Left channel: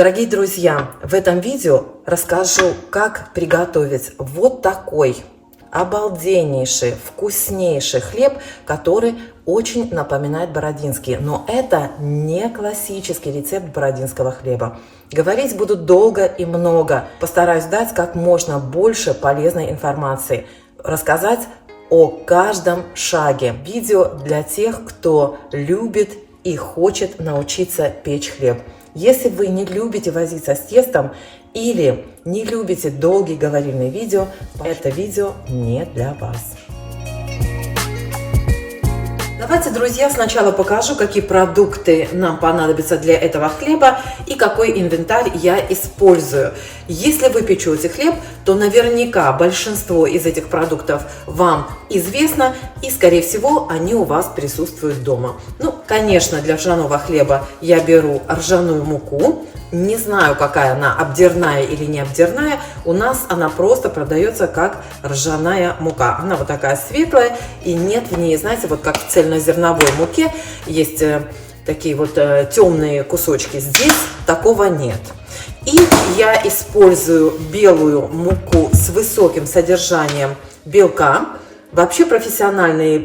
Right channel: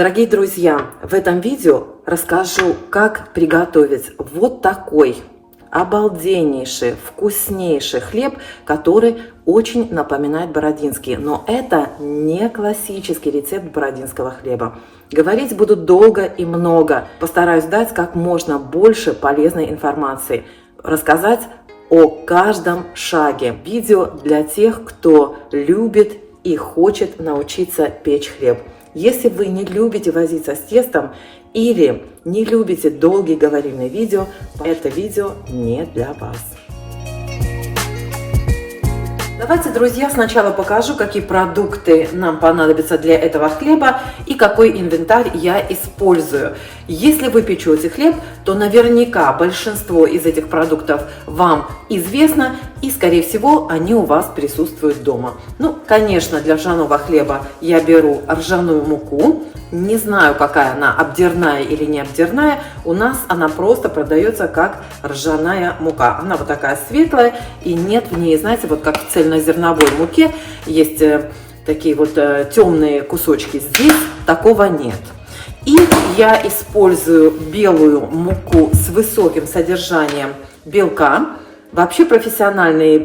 Дорогие друзья, в этом видео расскажу, как приготовить вот такой обалденнейший, вкуснейший хлеб, который очень напоминает бородинский. Но это не классический рецепт бородинского хлеба. Говорить буду долго и много. Постараюсь дать как можно больше полезной информации. Рассказать о каждом шаге. Видео для тех, кто любит и хочет научиться печь хлеб. Если вы не любите возиться с тестом или не любите долгие говорильные видео, это видео не для вас. Давайте, друзья, сначала покажу, какие продукты нам понадобятся для этого хлеба и какой инвентарь я использую. Если вы печете хлеб, то наверняка большинство из этих продуктов вам известно и, скорее всего, они у вас присутствуют дома. Ну, конечно, для ржаного хлеба я беру ржаную муку. Не знаю, какая она, обдирная или не обдирная. У нас она просто продается как ржаная мука. Она вот такая светлая, и нет в ней, знаете, вот как в цельнозерновой муке есть такие вот темные кусочки. Здесь такого нет. И я использую белую муку с высоким содержанием белка. Вообще профессиональные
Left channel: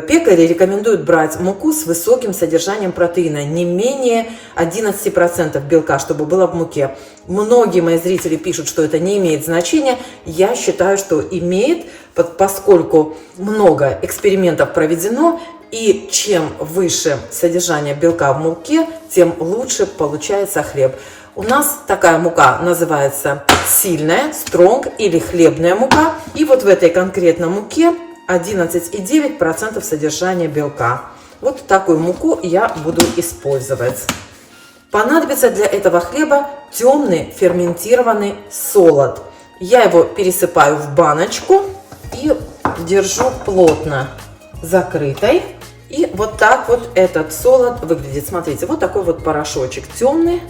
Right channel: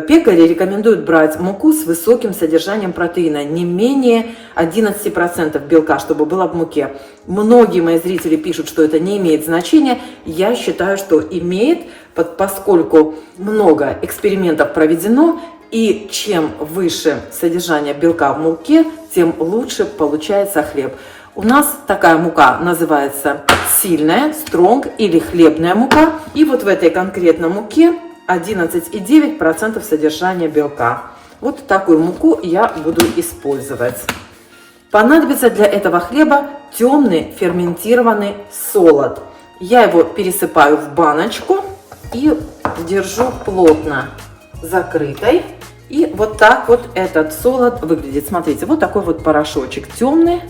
пекари рекомендуют брать муку с высоким содержанием протеина, не менее 11% белка, чтобы было в муке. Многие мои зрители пишут, что это не имеет значения. Я считаю, что имеет, поскольку много экспериментов проведено, и чем выше содержание белка в муке, тем лучше получается хлеб. У нас такая мука называется сильная, стронг или хлебная мука. И вот в этой конкретной муке 11,9% содержания белка. Вот такую муку я буду использовать. Понадобится для этого хлеба темный ферментированный солод. Я его пересыпаю в баночку и держу плотно закрытой. И вот так вот этот солод выглядит. Смотрите, вот такой вот порошочек темный.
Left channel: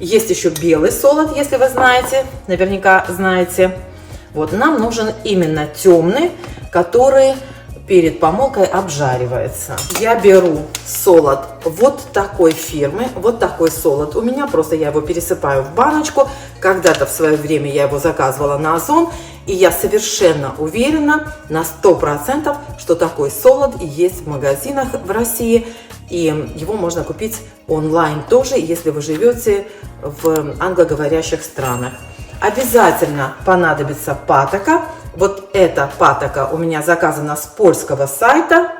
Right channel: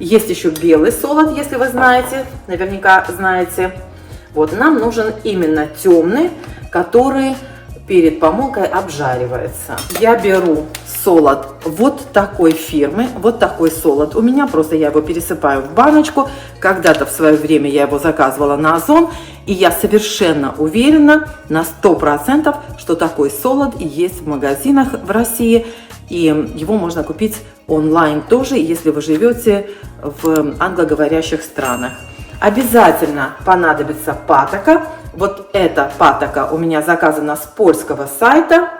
Есть еще белый солод, если вы знаете, наверняка знаете. Вот нам нужен именно темный, который перед помолкой обжаривается. Я беру солод вот такой фирмы, вот такой солод. У меня просто я его пересыпаю в баночку. Когда-то в свое время я его заказывала на Озон, и я совершенно уверена на 100%, что такой солод и есть в магазинах в России. И его можно купить онлайн тоже, если вы живете в англоговорящих странах. Обязательно понадобится патока. Вот эта патока у меня заказана с польского сайта.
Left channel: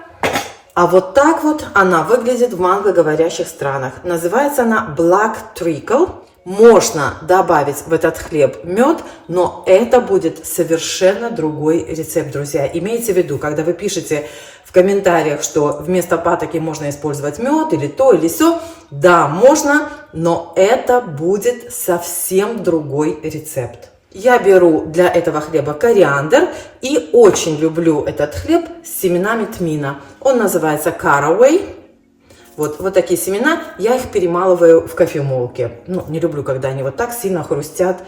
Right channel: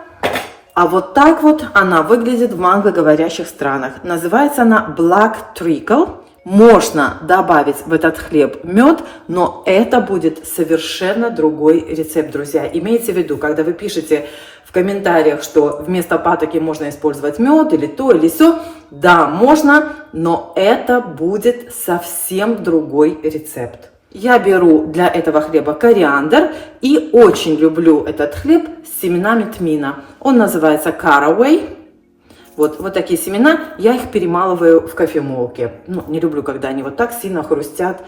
А вот так вот она выглядит в англоговорящих странах. Называется она Black Treacle. Можно добавить в этот хлеб мед, но это будет совершенно другой рецепт, друзья. Имейте в виду, когда вы пишете в комментариях, что вместо патоки можно использовать мед или то, или сё. Да, можно, но это будет совсем другой рецепт. Я беру для этого хлеба кориандр и очень люблю этот хлеб с семенами тмина. Он называется caraway. Вот такие семена, я их перемалываю в кофемолке. Ну, не люблю, когда они вот так сильно хрустят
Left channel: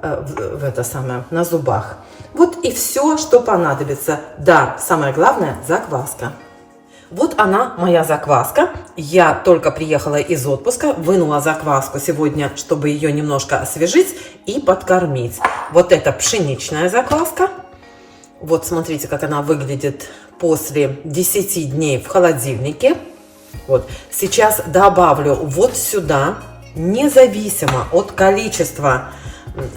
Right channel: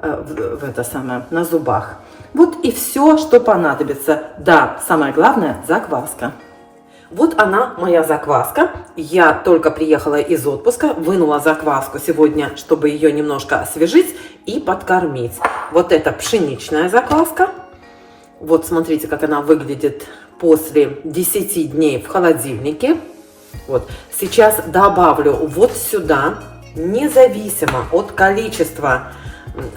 на зубах. Вот и все, что понадобится. Да, самое главное, закваска. Вот она, моя закваска. Я только приехала из отпуска, вынула закваску сегодня, чтобы ее немножко освежить и подкормить. Вот это пшеничная закваска. Вот смотрите, как она выглядит после 10 дней в холодильнике. Вот. Сейчас добавлю вот сюда, независимо от количества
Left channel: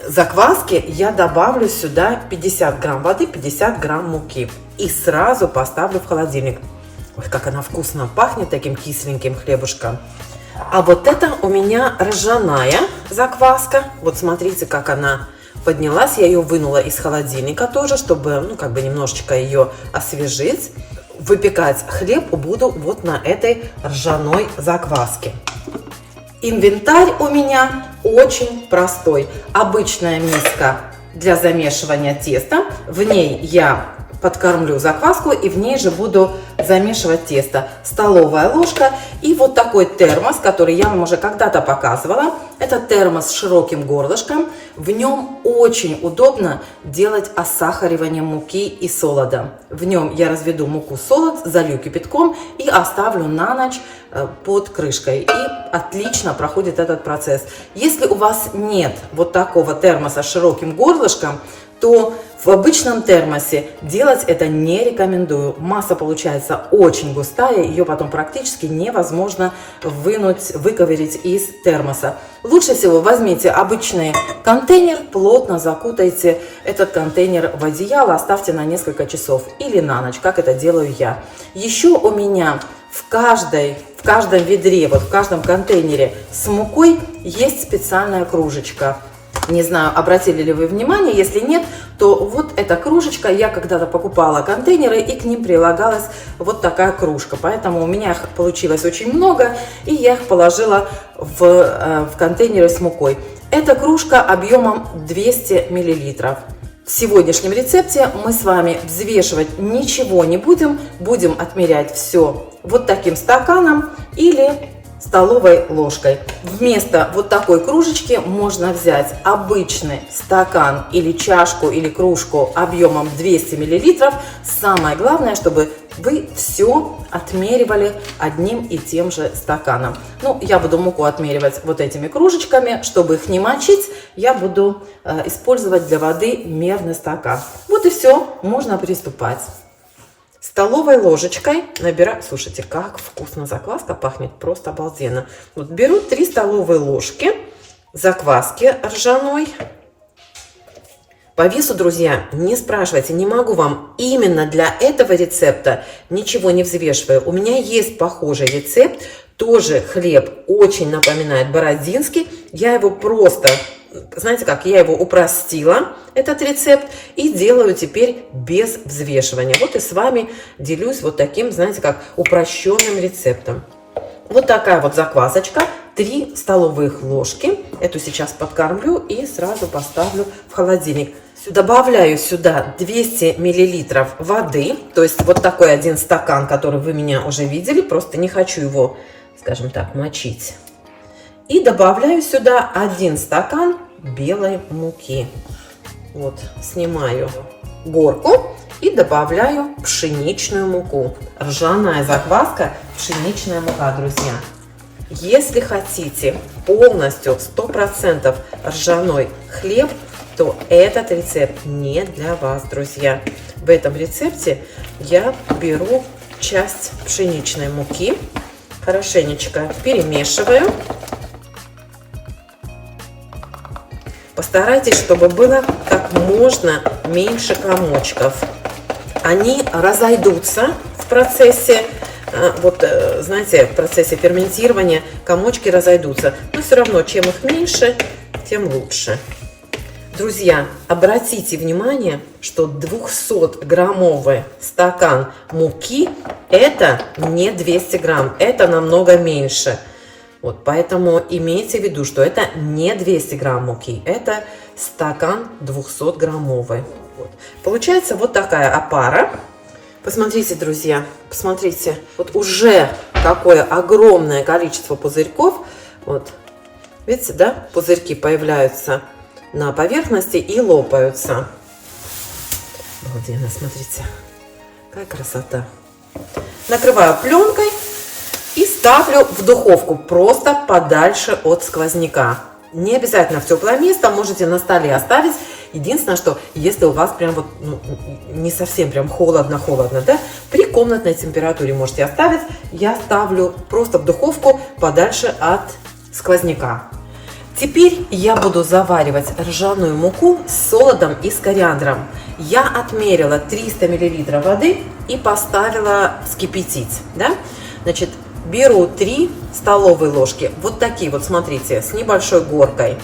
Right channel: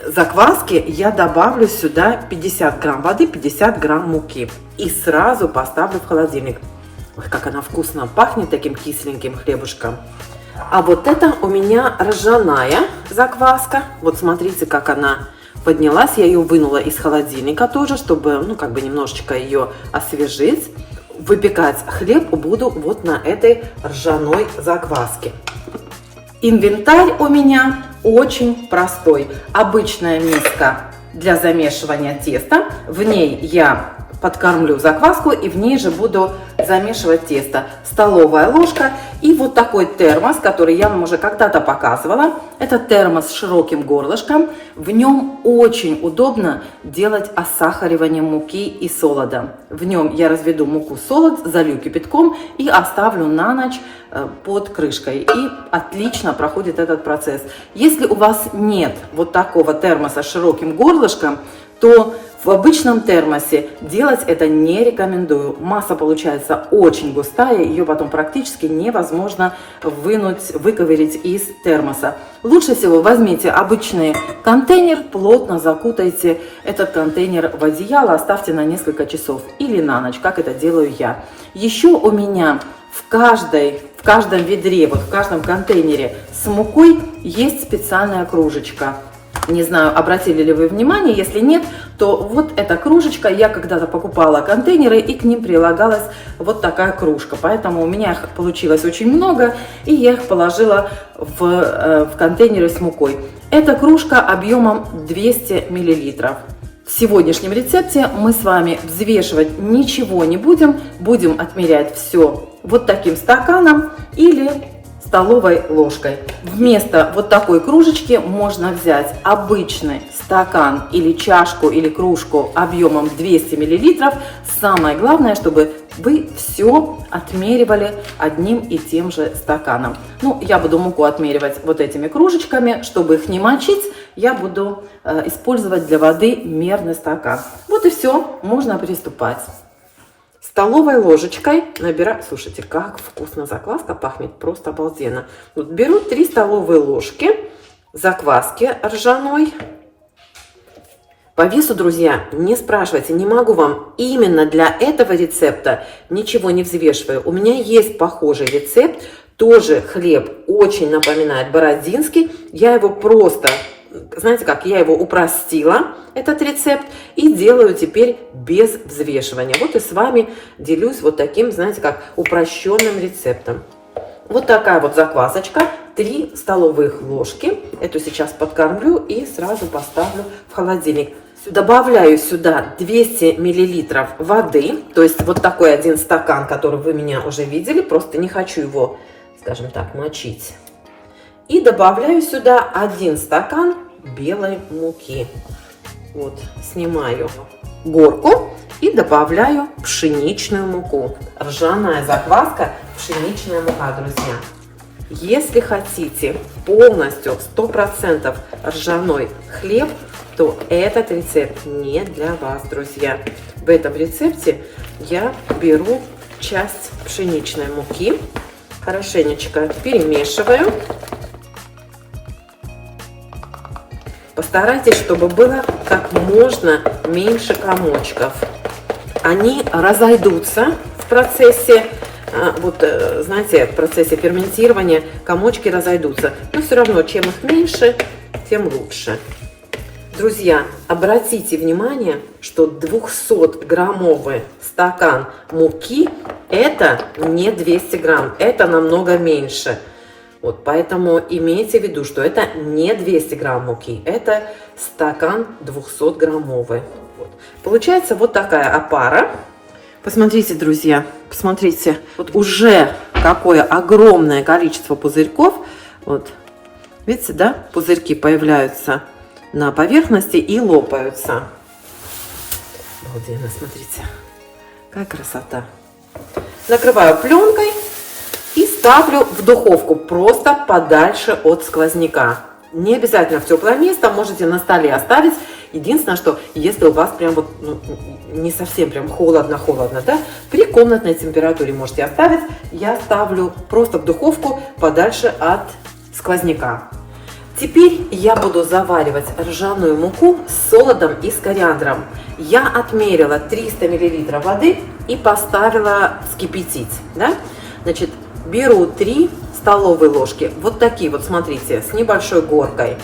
закваски, я добавлю сюда 50 грамм воды, 50 грамм муки. И сразу поставлю в холодильник. Ой, как она вкусно пахнет таким кисленьким хлебушком. А вот это у меня ржаная закваска. Вот смотрите, как она поднялась. Я ее вынула из холодильника тоже, чтобы, ну, как бы немножечко ее освежить. Выпекать хлеб буду вот на этой ржаной закваске. Инвентарь у меня очень простой. Обычная миска для замешивания теста. В ней я подкармлю закваску и в ней же буду замешивать тесто. Столовая ложка и вот такой термос, который я вам уже когда-то показывала. Это термос с широким горлышком. В нем очень удобно делать осахаривание муки и солода. В нем я разведу муку, солод, залью кипятком и оставлю на ночь под крышкой. И отлично проходит этот процесс. Если у вас нет вот такого термоса с широким горлышком, то в обычном термосе делать это не рекомендую. Масса получается очень густая, ее потом практически невозможно выковырять из термоса. Лучше всего возьмите обычный контейнер, плотно закутайте этот контейнер в одеяло, оставьте на несколько часов или на ночь, как это делаю я. Еще у меня в каждом ведре, вот в каждом контейнере с мукой есть специальная кружечка. Не знаю, обратили ли вы внимание, если нет, то вот эта кружечка, я когда-то покупала контейнеры и к ним прилагалась вот такая кружка. Поэтому у меня их получилось очень много и я их положила в контейнеры с мукой. Эта кружка объемом 200 мл. В сегодняшнем рецепте мы с вами взвешивать ничего не будем, будем отмерять все вот таким стаканом или столовой ложкой. Вместо вот такой кружечки можно взять обычный стакан или чашку или кружку объемом 200 мл. Самое главное, чтобы вы все отмеривали одним и тем же стаканом. Ну, я буду муку отмеривать вот этими кружечками. Чтобы их не мочить, я буду использовать для воды мерный стакан. Вот и все, можно приступать. Столовой ложечкой набираю, слушайте, как вкусно закваска пахнет, просто обалденно. Вот беру 3 столовые ложки закваски ржаной. По весу, друзья, не спрашивайте, не могу вам именно для этого рецепта ничего не взвешиваю. У меня есть похожий рецепт, тоже хлеб очень напоминает бородинский. Я его просто, знаете как, я его упростила, этот рецепт, и делаю теперь без взвешивания. Вот и с вами делюсь вот таким, знаете как, упрощенным рецептом. Вот такая вот заквасочка, 3 столовых ложки. Эту сейчас подкормлю и сразу поставлю в холодильник. Добавляю сюда 200 мл воды, то есть вот такой один стакан, который вы меня уже видели, просто не хочу его, скажем так, мочить. И добавляю сюда 1 стакан белой муки. Вот, снимаю горку и добавляю пшеничную муку. Ржаная закваска, пшеничная мука, друзья. Если хотите полностью 100% ржаной хлеб, то этот рецепт не для вас, друзья. В этом рецепте я беру часть пшеничной муки, хорошенечко перемешиваю. Постарайтесь, чтобы было как можно меньше комочков. Они разойдутся в процессе, вот знаете, в процессе ферментирования комочки разойдутся. Но все равно, чем их меньше, тем лучше. Друзья, обратите внимание, что 200-граммовый стакан муки это не 200 грамм, это намного меньше. Вот, поэтому имейте в виду, что это не 200 грамм муки, это стакан 200-граммовый. Вот. Получается вот такая опара. Посмотрите, друзья, посмотрите, вот уже какое огромное количество пузырьков. Вот, видите, да, пузырьки появляются на поверхности и лопаются. Обалденно, смотрите, какая красота. Накрываю пленкой и ставлю в духовку просто подальше от сквозняка. Не обязательно в теплое место, можете на столе оставить. Единственное, что если у вас прям вот не совсем прям холодно-холодно, да, при комнатной температуре можете оставить. Я ставлю просто в духовку подальше от сквозняка. Теперь я буду заваривать ржаную муку с солодом и с кориандром. Я отмерила 300 мл воды и поставила вскипятить. Да? Значит, беру 3 столовые ложки, вот такие вот, смотрите, с небольшой горкой.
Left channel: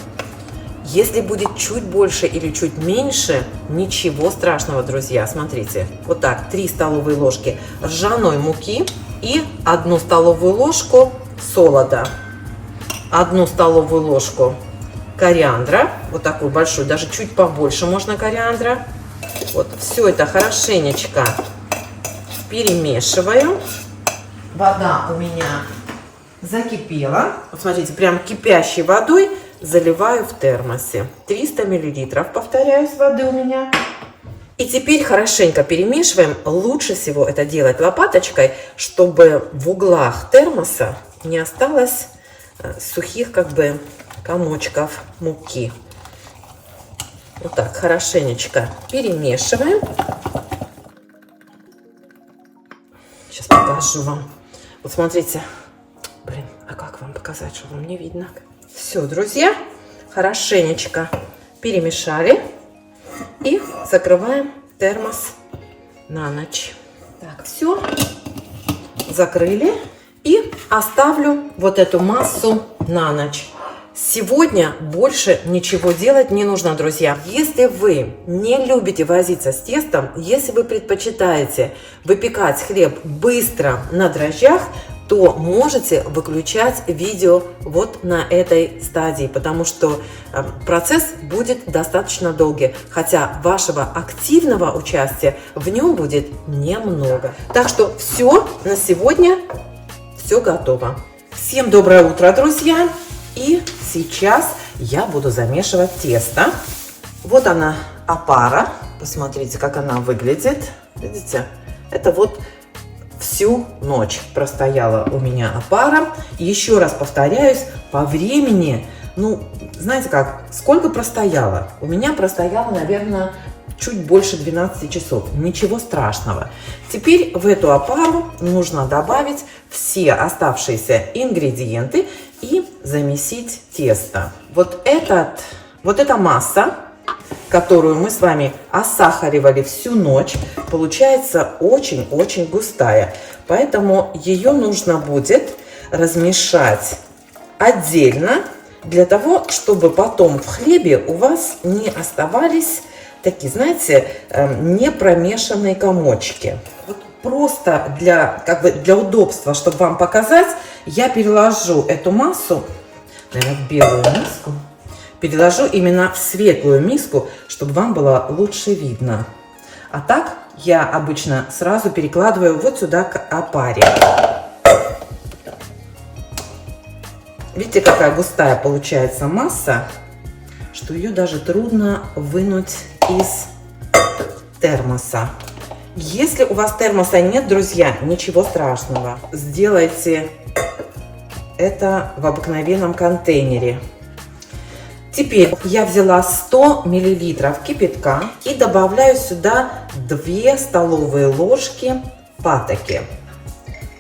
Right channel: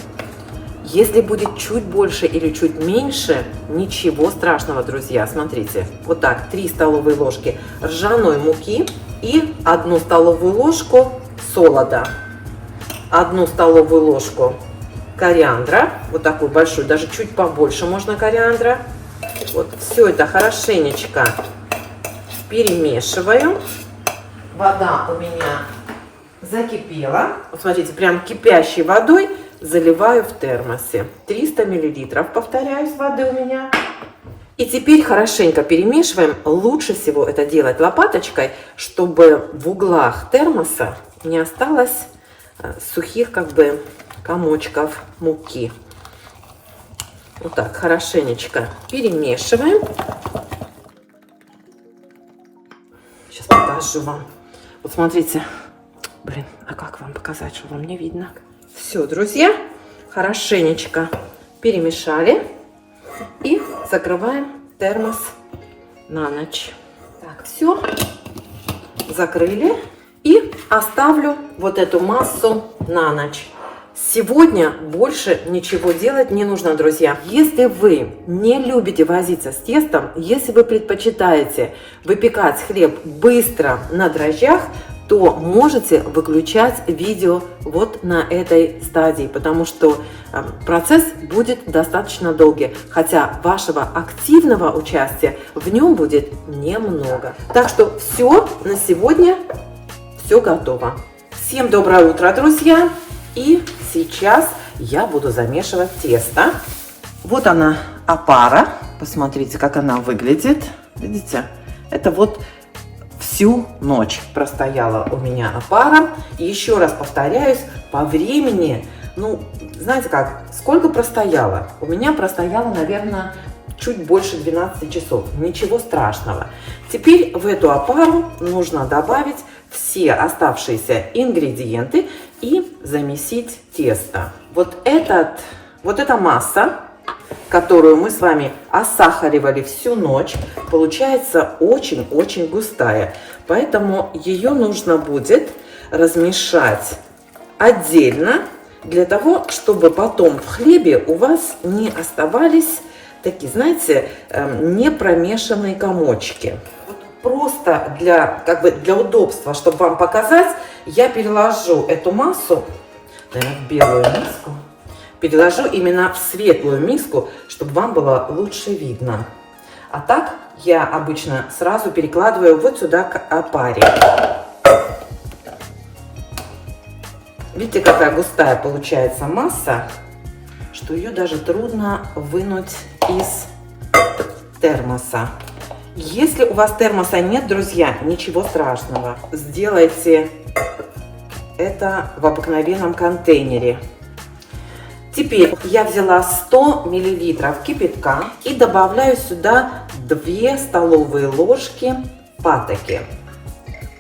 Если будет чуть больше или чуть меньше, ничего страшного, друзья. Смотрите, вот так, 3 столовые ложки ржаной муки и 1 столовую ложку солода. 1 столовую ложку кориандра, вот такую большую, даже чуть побольше можно кориандра. Вот, все это хорошенечко перемешиваю. Вода у меня закипела. Вот смотрите, прям кипящей водой заливаю в термосе. 300 мл, повторяюсь, воды у меня. И теперь хорошенько перемешиваем. Лучше всего это делать лопаточкой, чтобы в углах термоса не осталось сухих как бы комочков муки. Вот так хорошенечко перемешиваем. Сейчас покажу вам. Вот смотрите. Блин, а как вам показать, что вам не видно? Все, друзья, хорошенечко перемешали. И закрываем термос на ночь. Так, все. Закрыли. И оставлю вот эту массу на ночь. Сегодня больше ничего делать не нужно, друзья. Если вы не любите возиться с тестом, если вы предпочитаете выпекать хлеб быстро на дрожжах, то можете выключать видео вот на этой стадии, потому что процесс будет достаточно долгий, хотя вашего активного участия в нем будет немного. Так что все, на сегодня все готово. Всем доброе утро, друзья! И сейчас я буду замешивать тесто. Вот она, опара. Посмотрите, как она выглядит. Видите? Это вот всю ночь простояла у меня опара. Еще раз повторяюсь, по времени, ну, знаете как, сколько простояла? У меня простояла, наверное, чуть больше 12 часов. Ничего страшного. Теперь в эту опару нужно добавить все оставшиеся ингредиенты и замесить тесто. Вот эта масса, которую мы с вами осахаривали всю ночь, получается очень-очень густая. Поэтому ее нужно будет размешать отдельно, для того, чтобы потом в хлебе у вас не оставались такие, знаете, не промешанные комочки. Вот просто для удобства, чтобы вам показать, я переложу эту массу в белую миску. Переложу именно в светлую миску, чтобы вам было лучше видно. А так я обычно сразу перекладываю вот сюда к опаре. Видите, какая густая получается масса, что ее даже трудно вынуть из термоса. Если у вас термоса нет, друзья, ничего страшного. Сделайте это в обыкновенном контейнере. Теперь я взяла 100 мл кипятка и добавляю сюда 2 столовые ложки патоки.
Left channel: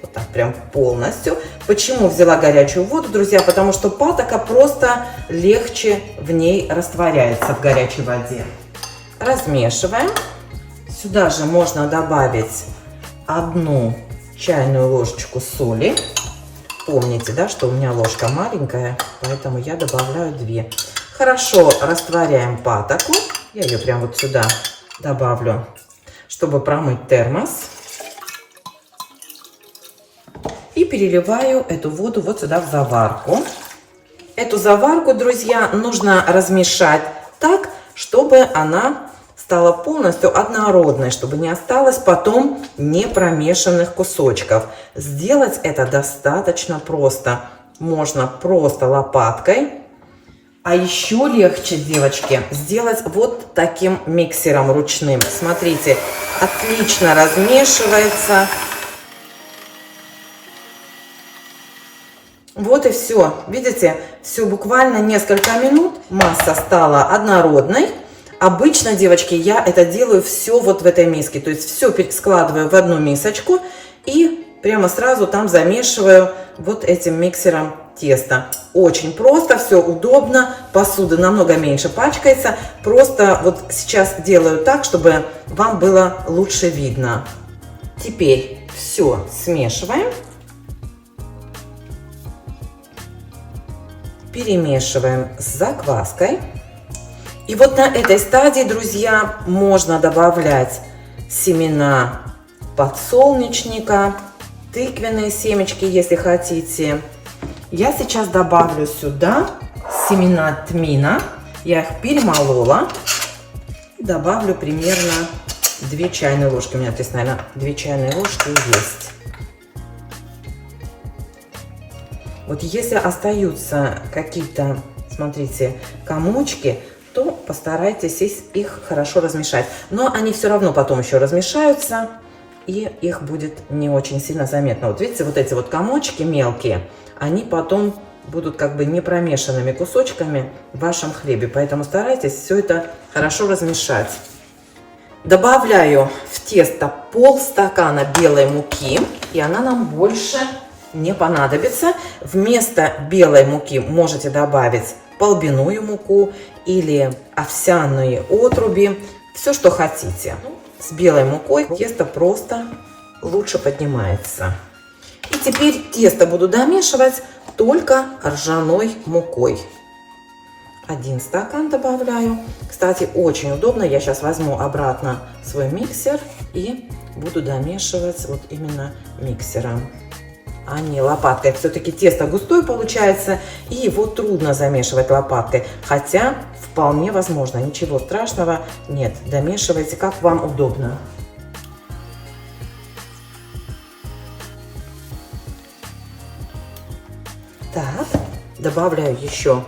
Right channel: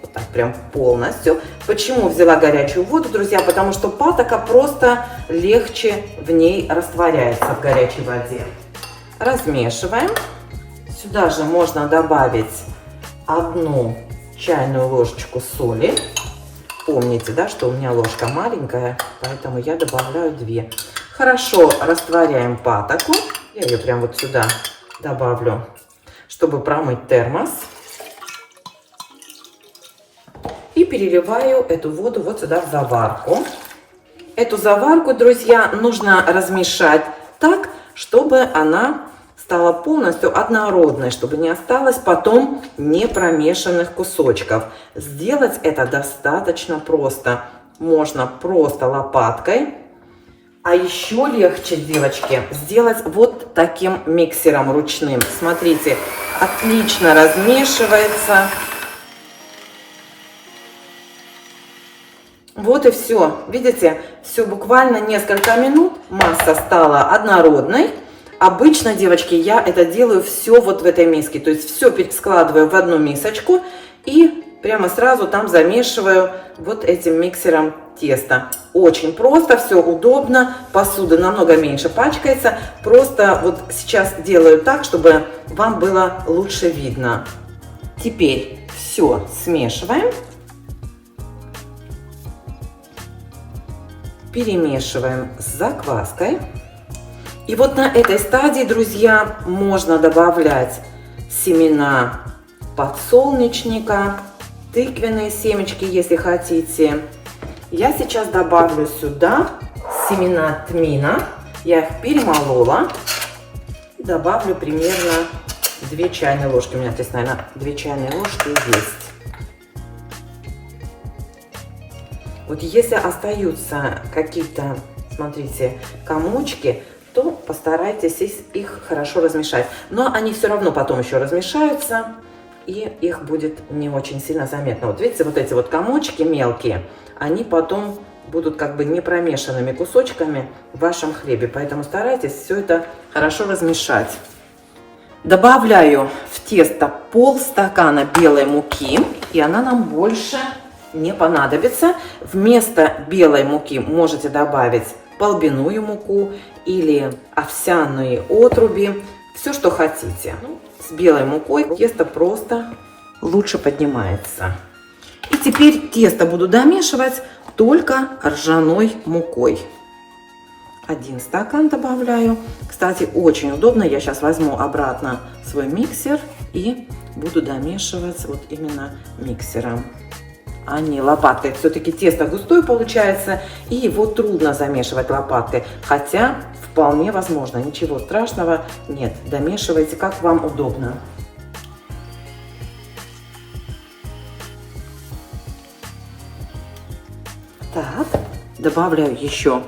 Вот так прям полностью. Почему взяла горячую воду, друзья? Потому что патока просто легче в ней растворяется в горячей воде. Размешиваем. Сюда же можно добавить 1 чайную ложечку соли. Помните, да, что у меня ложка маленькая, поэтому я добавляю 2. Хорошо растворяем патоку. Я ее прям вот сюда добавлю, чтобы промыть термос. И переливаю эту воду вот сюда в заварку. Эту заварку, друзья, нужно размешать так, чтобы она стала полностью однородной, чтобы не осталось потом непромешанных кусочков. Сделать это достаточно просто. Можно просто лопаткой. А еще легче, девочки, сделать вот таким миксером ручным. Смотрите, отлично размешивается. Вот и все. Видите, все буквально несколько минут. Масса стала однородной. Обычно, девочки, я это делаю все вот в этой миске. То есть все складываю в одну мисочку и прямо сразу там замешиваю вот этим миксером тесто. Очень просто, все удобно. Посуда намного меньше пачкается. Просто вот сейчас делаю так, чтобы вам было лучше видно. Теперь все смешиваем. Перемешиваем с закваской. И вот на этой стадии, друзья, можно добавлять семена подсолнечника, тыквенные семечки, если хотите. Я сейчас добавлю сюда семена тмина. Я их перемолола. Добавлю примерно 2 чайные ложки. У меня здесь, наверное, 2 чайные ложки есть. Вот если остаются какие-то, смотрите, комочки, то постарайтесь их хорошо размешать. Но они все равно потом еще размешаются, и их будет не очень сильно заметно. Вот видите, вот эти вот комочки мелкие, они потом будут как бы не промешанными кусочками в вашем хлебе. Поэтому старайтесь все это хорошо размешать. Добавляю в тесто полстакана белой муки, и она нам больше не понадобится. Вместо белой муки можете добавить полбяную муку или овсяные отруби, все, что хотите. С белой мукой тесто просто лучше поднимается. И теперь тесто буду домешивать только ржаной мукой. 1 стакан добавляю. Кстати, очень удобно. Я сейчас возьму обратно свой миксер и буду домешивать вот именно миксером, а не лопаткой. Все-таки тесто густое получается, и его трудно замешивать лопаткой. Хотя вполне возможно, ничего страшного нет. Домешивайте, как вам удобно. Так, добавляю еще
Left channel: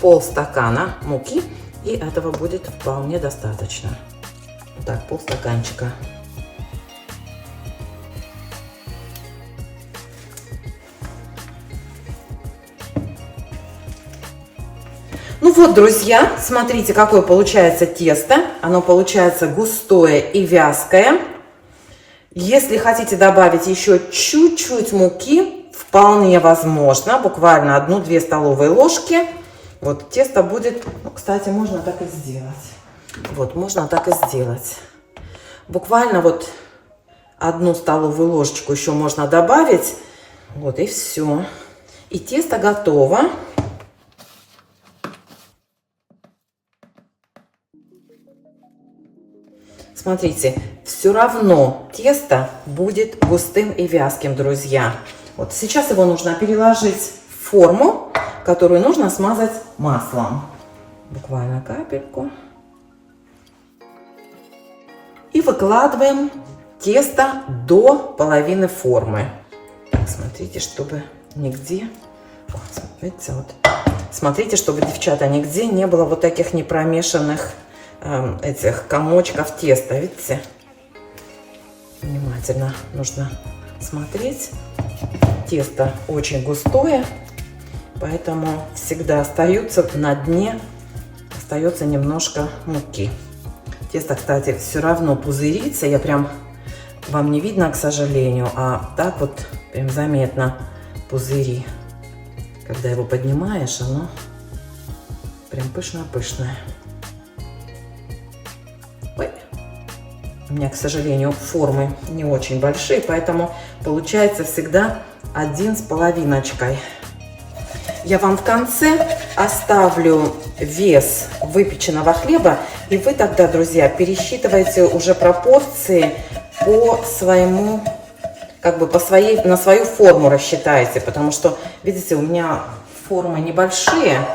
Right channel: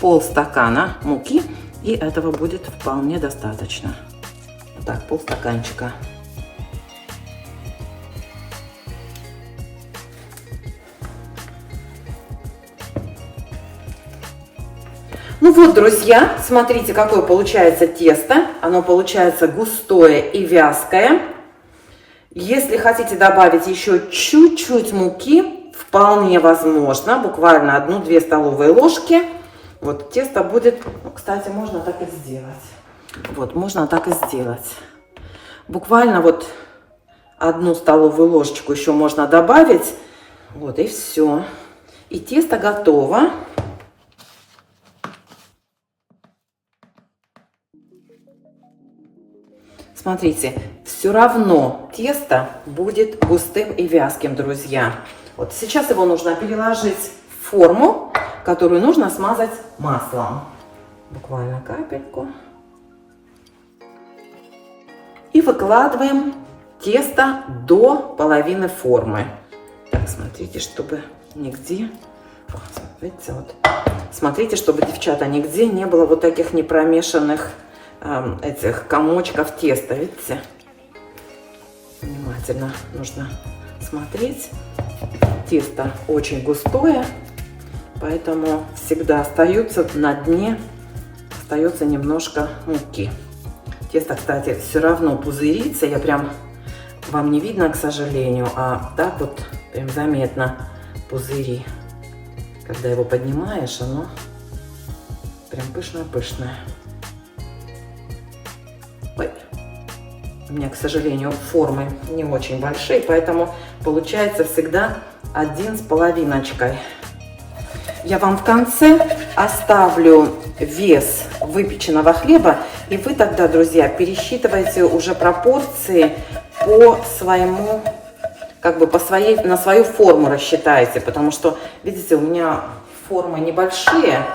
полстакана муки, и этого будет вполне достаточно. Так, полстаканчика. Ну вот, друзья, смотрите, какое получается тесто. Оно получается густое и вязкое. Если хотите добавить еще чуть-чуть муки, вполне возможно, буквально 1-2 столовые ложки. Вот тесто будет, кстати, можно так и сделать. Вот, можно так и сделать. Буквально вот 1 столовую ложечку еще можно добавить. Вот и все. И тесто готово. Смотрите, все равно тесто будет густым и вязким, друзья. Вот сейчас его нужно переложить в форму, которую нужно смазать маслом. Буквально капельку. И выкладываем тесто до половины формы. Так, смотрите, чтобы нигде... Вот, видите, вот. Смотрите, чтобы, девчата, нигде не было вот таких непромешанных этих комочков теста, видите? Внимательно нужно смотреть. Тесто очень густое, поэтому всегда остается на дне, остается немножко муки. Тесто, кстати, все равно пузырится, я прям, вам не видно, к сожалению, а так вот прям заметно пузыри. Когда его поднимаешь, оно прям пышно-пышное. У меня, к сожалению, формы не очень большие, поэтому получается всегда 1 с половиночкой. Я вам в конце оставлю вес выпеченного хлеба, и вы тогда, друзья, пересчитывайте уже пропорции по своему, как бы на свою форму рассчитайте, потому что, видите, у меня формы небольшие,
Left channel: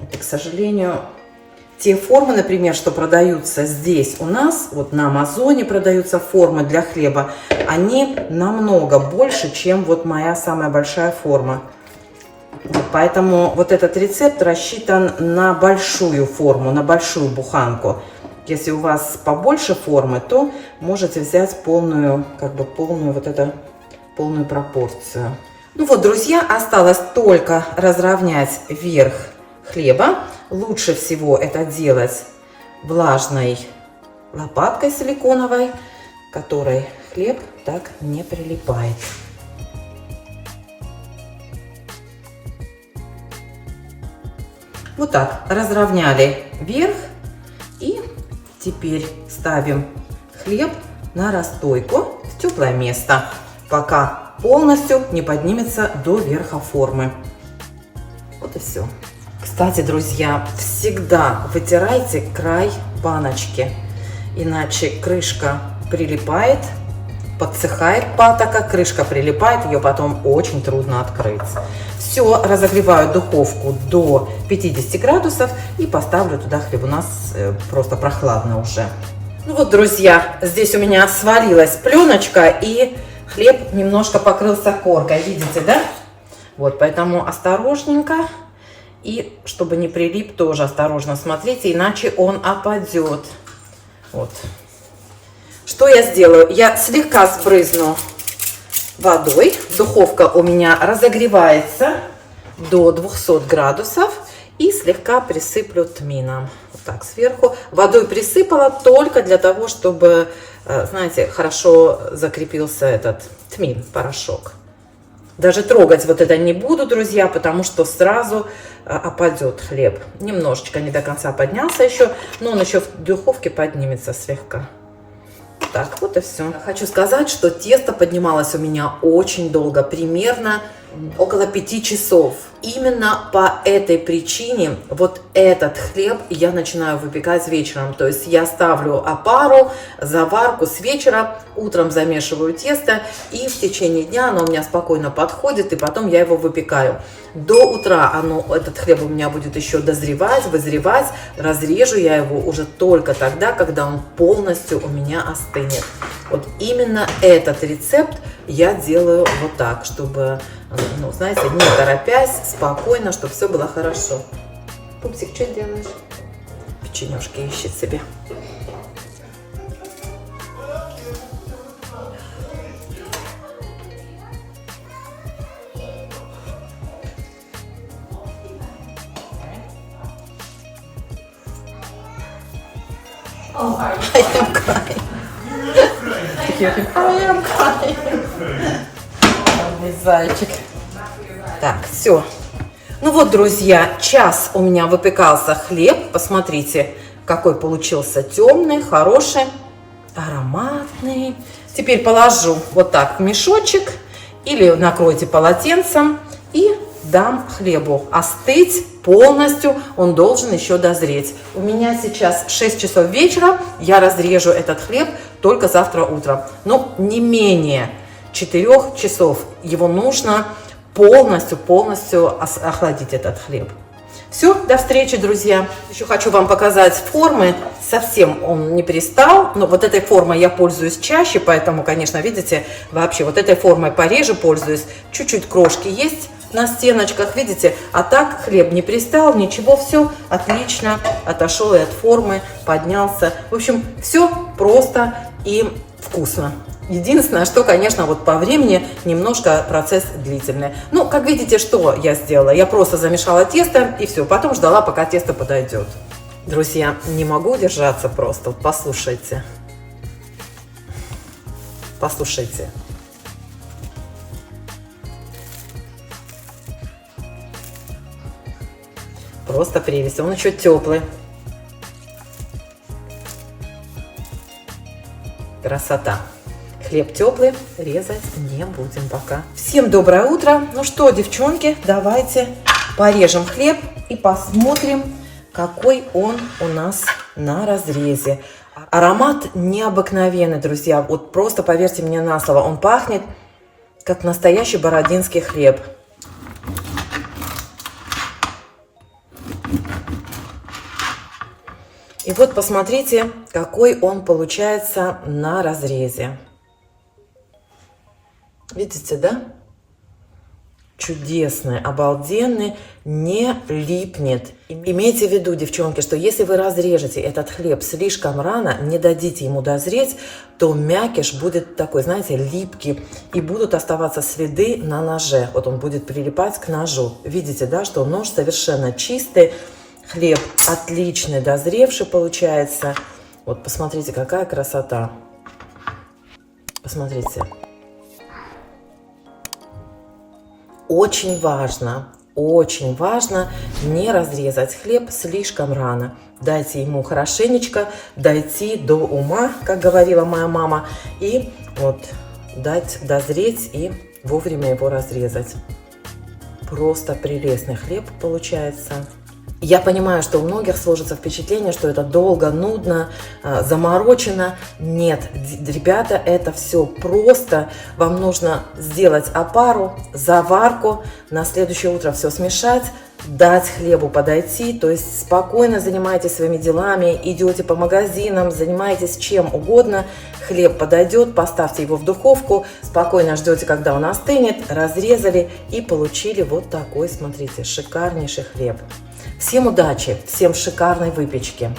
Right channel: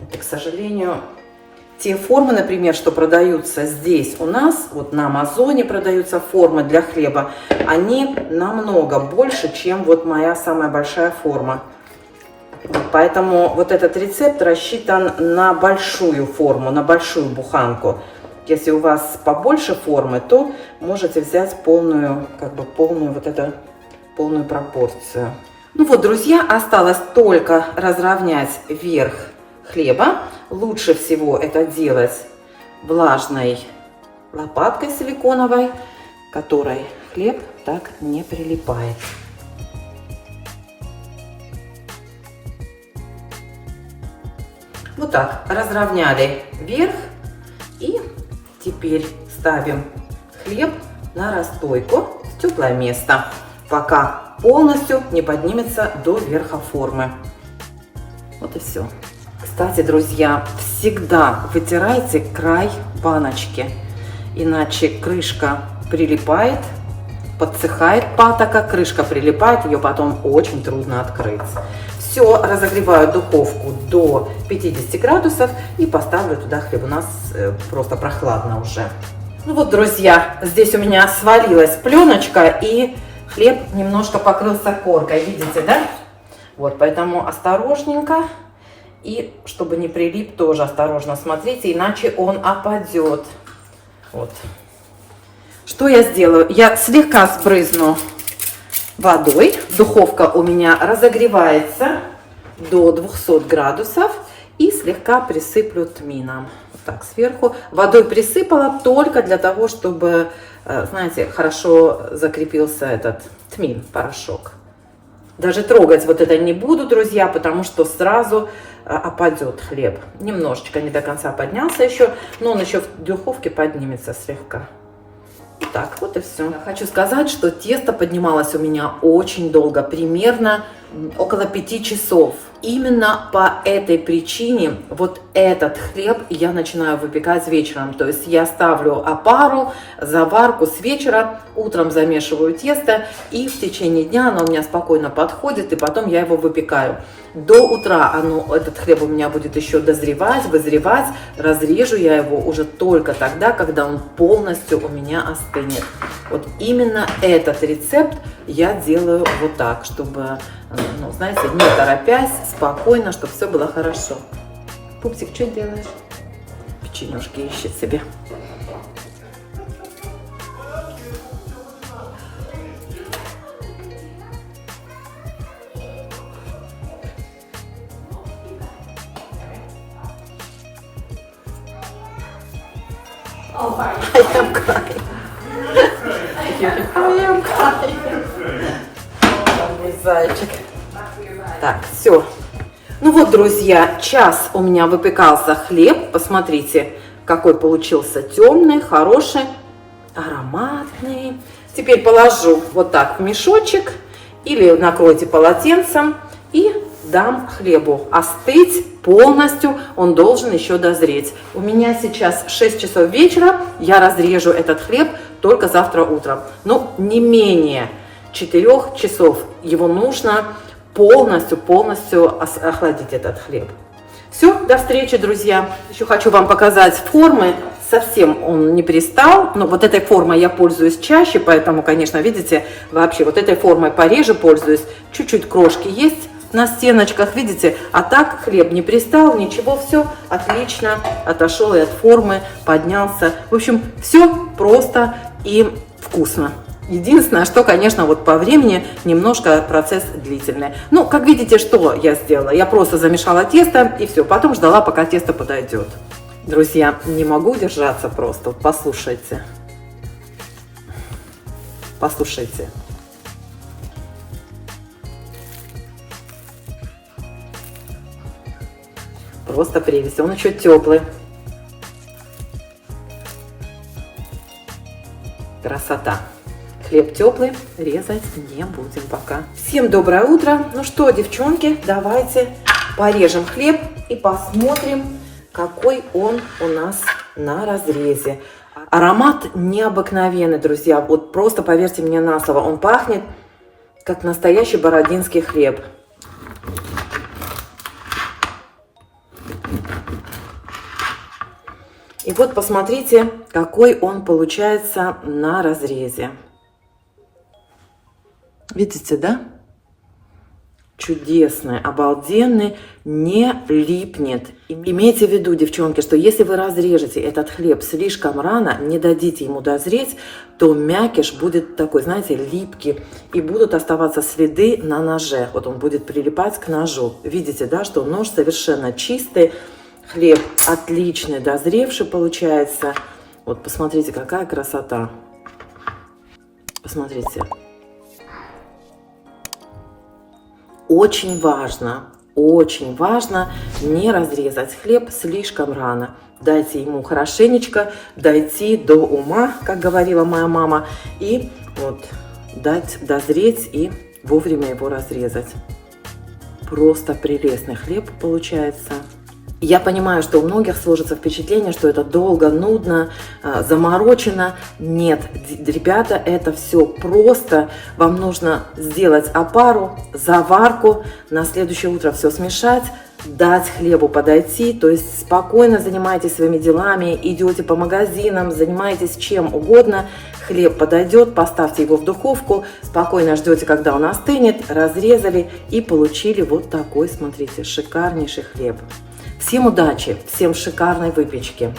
это, к сожалению... Те формы, например, что продаются здесь у нас, вот на Амазоне продаются формы для хлеба, они намного больше, чем вот моя самая большая форма. Поэтому вот этот рецепт рассчитан на большую форму, на большую буханку. Если у вас побольше формы, то можете взять полную, полную пропорцию. Ну вот, друзья, осталось только разровнять верх хлеба. Лучше всего это делать влажной лопаткой силиконовой, которой хлеб так не прилипает. Вот так разровняли верх, и теперь ставим хлеб на расстойку в теплое место, пока полностью не поднимется до верха формы. Вот и все. Кстати, друзья, всегда вытирайте край баночки, иначе крышка прилипает, подсыхает патока, крышка прилипает, ее потом очень трудно открыть. Все, разогреваю духовку до 50 градусов и поставлю туда хлеб. У нас просто прохладно уже. Ну вот, друзья, здесь у меня свалилась пленочка и хлеб немножко покрылся коркой. Видите, да? Вот, поэтому осторожненько. И чтобы не прилип, тоже осторожно смотрите, иначе он опадет. Вот. Что я сделаю? Я слегка спрызну водой. Духовка у меня разогревается до 200 градусов. И слегка присыплю тмином. Вот так сверху. Водой присыпала только для того, чтобы, знаете, хорошо закрепился этот тмин, порошок. Даже трогать вот это не буду, друзья, потому что сразу опадет хлеб. Немножечко не до конца поднялся еще, но он еще в духовке поднимется слегка. Так, вот и все. Хочу сказать, что тесто поднималось у меня очень долго, примерно около 5 часов. Именно по этой причине вот этот хлеб я начинаю выпекать вечером. То есть я ставлю опару, заварку с вечера, утром замешиваю тесто, и в течение дня оно у меня спокойно подходит, и потом я его выпекаю. До утра этот хлеб у меня будет еще дозревать, вызревать. Разрежу я его уже только тогда, когда он полностью у меня остынет. Вот именно этот рецепт я делаю вот так, чтобы, ну, знаете, не торопясь, спокойно, чтобы все было хорошо. Пупсик, что делаешь? Печенюшки ищет себе. Зайчик. Так, все. Ну вот, друзья, час у меня выпекался хлеб. Посмотрите, какой получился темный, хороший, ароматный. Теперь положу вот так в мешочек или накройте полотенцем и дам хлебу остыть полностью. Он должен еще дозреть. У меня сейчас 6 часов вечера. Я разрежу этот хлеб только завтра утром. Но не менее 4 часов его нужно полностью охладить этот хлеб. Все, до встречи, друзья. Еще хочу вам показать формы. Совсем он не пристал, но вот этой формой я пользуюсь чаще, поэтому, конечно, видите, вообще вот этой формой пореже пользуюсь. Чуть-чуть крошки есть на стеночках, видите, а так хлеб не пристал, ничего, все отлично, отошел и от формы, поднялся. В общем, все просто и вкусно. Единственное, что, конечно, вот по времени немножко процесс длительный. Ну, как видите, что я сделала? Я просто замешала тесто и все, потом ждала, пока тесто подойдет. Друзья, не могу держаться просто, послушайте. Послушайте. Просто прелесть, он еще теплый. Красота. Хлеб теплый, резать не будем пока. Всем доброе утро. Ну что, девчонки, давайте порежем хлеб и посмотрим, какой он у нас на разрезе. Аромат необыкновенный, друзья. Вот просто поверьте мне на слово, он пахнет как настоящий бородинский хлеб. И вот посмотрите, какой он получается на разрезе. Видите, да? Чудесный, обалденный, не липнет. Имейте в виду, девчонки, что если вы разрежете этот хлеб слишком рано, не дадите ему дозреть, то мякиш будет такой, знаете, липкий, и будут оставаться следы на ноже. Вот он будет прилипать к ножу. Видите, да, что нож совершенно чистый, хлеб отличный, дозревший получается. Вот посмотрите, какая красота. Посмотрите. Очень важно не разрезать хлеб слишком рано. Дайте ему хорошенечко дойти до ума, как говорила моя мама, и вот дать дозреть и вовремя его разрезать. Просто прелестный хлеб получается. Я понимаю, что у многих сложится впечатление, что это долго, нудно, заморочено. Нет, ребята, это все просто. Вам нужно сделать опару, заварку, на следующее утро все смешать, дать хлебу подойти, то есть спокойно занимайтесь своими делами, идете по магазинам, занимаетесь чем угодно, хлеб подойдет, поставьте его в духовку, спокойно ждете, когда он остынет, разрезали и получили вот такой, смотрите, шикарнейший хлеб. Всем удачи, всем шикарной выпечки!